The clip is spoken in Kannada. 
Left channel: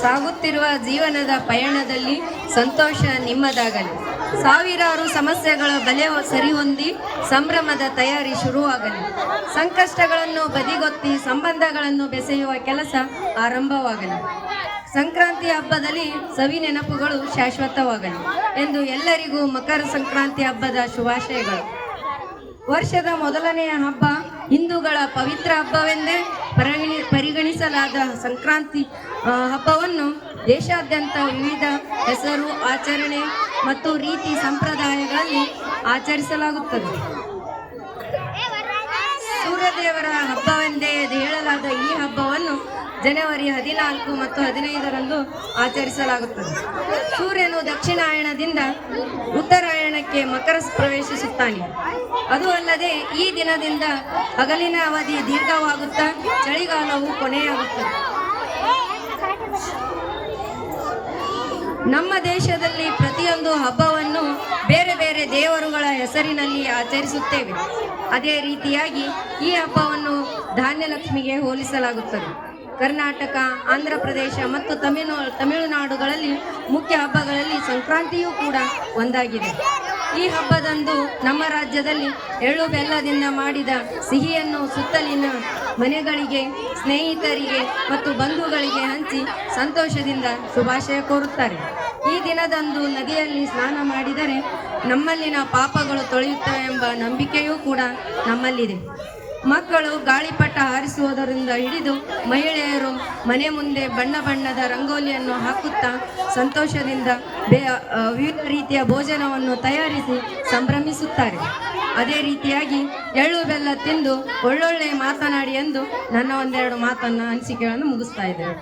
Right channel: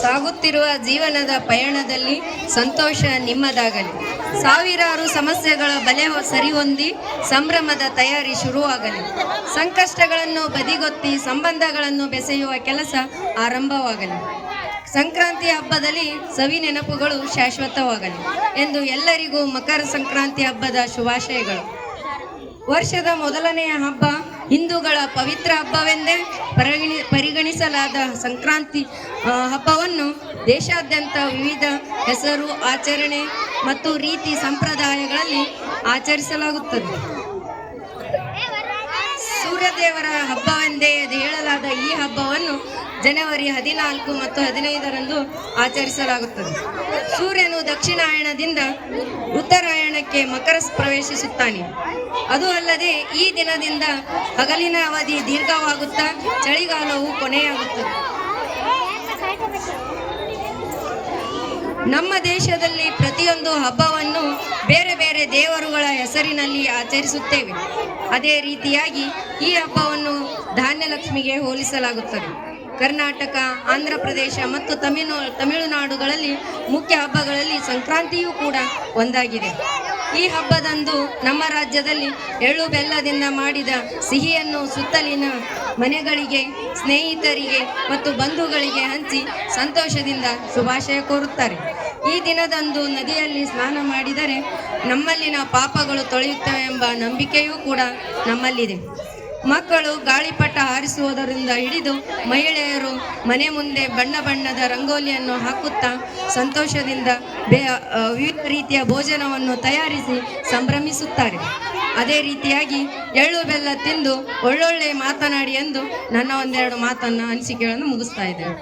ಸಾಗುತ್ತಿರುವ ಜೀವನದ ಪಯಣದಲ್ಲಿ ಸಂತೋಷ ನಿಮ್ಮದಾಗಲಿ. ಸಾವಿರಾರು ಸಮಸ್ಯೆಗಳ ಬಲೆ ಸರಿಹೊಂದಿ ಸಂಭ್ರಮದ ತಯಾರಿ ಶುರುವಾಗಲಿ. ಸಂಕಷ್ಟಗಳನ್ನು ಬದಿಗೊತ್ತಿ ಸಂಬಂಧಗಳನ್ನು ಬೆಸೆಯುವ ಕೆಲಸ ಆರಂಭವಾಗಲಿ. ಸಂಕ್ರಾಂತಿ ಹಬ್ಬದಲ್ಲಿ ಸವಿ ನೆನಪುಗಳು ಶಾಶ್ವತವಾಗಲಿ ಎಂದು ಎಲ್ಲರಿಗೂ ಮಕರ ಸಂಕ್ರಾಂತಿ ಹಬ್ಬದ ಶುಭಾಶಯಗಳು. ವರ್ಷದ ಮೊದಲನೆಯ ಹಬ್ಬ, ಹಿಂದೂಗಳ ಪವಿತ್ರ ಹಬ್ಬವೆಂದೇ ಪರಿಗಣಿಸಲಾದ ಸಂಕ್ರಾಂತಿ ಹಬ್ಬವನ್ನು ದೇಶಾದ್ಯಂತ ವಿವಿಧ ಹೆಸರು, ಆಚರಣೆ ಮತ್ತು ರೀತಿ ಸಂಪ್ರದಾಯಗಳಲ್ಲಿ ಆಚರಿಸಲಾಗುತ್ತದೆ. ಸೂರ್ಯದೇವರ ಹಬ್ಬವೆಂದೇ ಹೇಳಲಾದ ಈ ಹಬ್ಬವನ್ನು ಜನವರಿ 14 ಮತ್ತು 15ರಂದು ಆಚರಿಸಲಾಗುತ್ತದೆ. ಸೂರ್ಯನು ದಕ್ಷಿಣಾಯಣದಿಂದ ಉತ್ತರಾಯಣಕ್ಕೆ ಮಕರ ಪ್ರವೇಶಿಸುತ್ತಾನೆ. ಅದು ಅಲ್ಲದೆ ಈ ದಿನದಿಂದ ಹಗಲಿನ ಅವಧಿ ದೀರ್ಘವಾಗುತ್ತಾ ಚಳಿಗಾಲವು ಕೊನೆಯಾಗುತ್ತದೆ. ನಮ್ಮ ದೇಶದಲ್ಲಿ ಪ್ರತಿಯೊಂದು ಹಬ್ಬವನ್ನು ಬೇರೆ ಬೇರೆ ದೇವರುಗಳ ಹೆಸರಿನಲ್ಲಿ ಆಚರಿಸುತ್ತೇವೆ. ಅದೇ ರೀತಿಯಾಗಿ ಈ ಹಬ್ಬವನ್ನು ಧಾನ್ಯಲಕ್ಷ್ಮಿಗೆ ಹೋಲಿಸಲಾಗುತ್ತದೆ. ಕರ್ನಾಟಕ, ಆಂಧ್ರ ಪ್ರದೇಶ ಮತ್ತು ತಮಿಳುನಾಡುಗಳಲ್ಲಿ ಮುಖ್ಯ ಹಬ್ಬಗಳಲ್ಲಿ ಸಂಕ್ರಾಂತಿಯೂ ಕೂಡ ಒಂದಾಗಿದೆ. ಈ ಹಬ್ಬದಂದು ನಮ್ಮ ರಾಜ್ಯದಲ್ಲಿ ಎಳ್ಳು ಬೆಲ್ಲದಿಂದ ಮಾಡಿದ ಸಿಹಿಯನ್ನು ಸುತ್ತಲಿನ ಮನೆಗಳಿಗೆ, ಸ್ನೇಹಿತರಿಗೆ ಮತ್ತು ಬಂಧುಗಳಿಗೆ ಹಂಚಿ ಸಂತೋಷದಿಂದ ಶುಭಾಶಯ ಕೋರುತ್ತಾರೆ. ಈ ದಿನದಂದು ನದಿಯಲ್ಲಿ ಸ್ನಾನ ಮಾಡಿದರೆ ನಮ್ಮಲ್ಲಿನ ಪಾಪಗಳು ತೊಳೆಯುತ್ತವೆ ಎಂಬ ನಂಬಿಕೆಯೂ ಕೂಡ ನಮ್ಮಲ್ಲಿದೆ. ಮಕ್ಕಳು ಗಾಳಿಪಟ ಹಾರಿಸುವುದರಿಂದ ಹಿಡಿದು ಮಹಿಳೆಯರು ಮನೆ ಮುಂದೆ ಬಣ್ಣ ಬಣ್ಣದ ರಂಗೋಲಿಯನ್ನು ಹಾಕುತ್ತಾ ಸಂತೋಷದಿಂದ ವಿವಿಧ ರೀತಿಯ ಭೋಜನವನ್ನು ತಯಾರಿಸಿ ಸಂಭ್ರಮಿಸುತ್ತಾರೆ. ಅದೇ ರೀತಿಯಾಗಿ ಎಳ್ಳು ಬೆಲ್ಲ ತಿಂದು ಒಳ್ಳೊಳ್ಳೆ ಮಾತನಾಡಿ ಎಂದು ನನ್ನ ಒಂದೆರಡು ಅನಿಸಿಕೆಗಳನ್ನು ಮುಗಿಸ್ತಾ ಇದ್ದೇನೆ.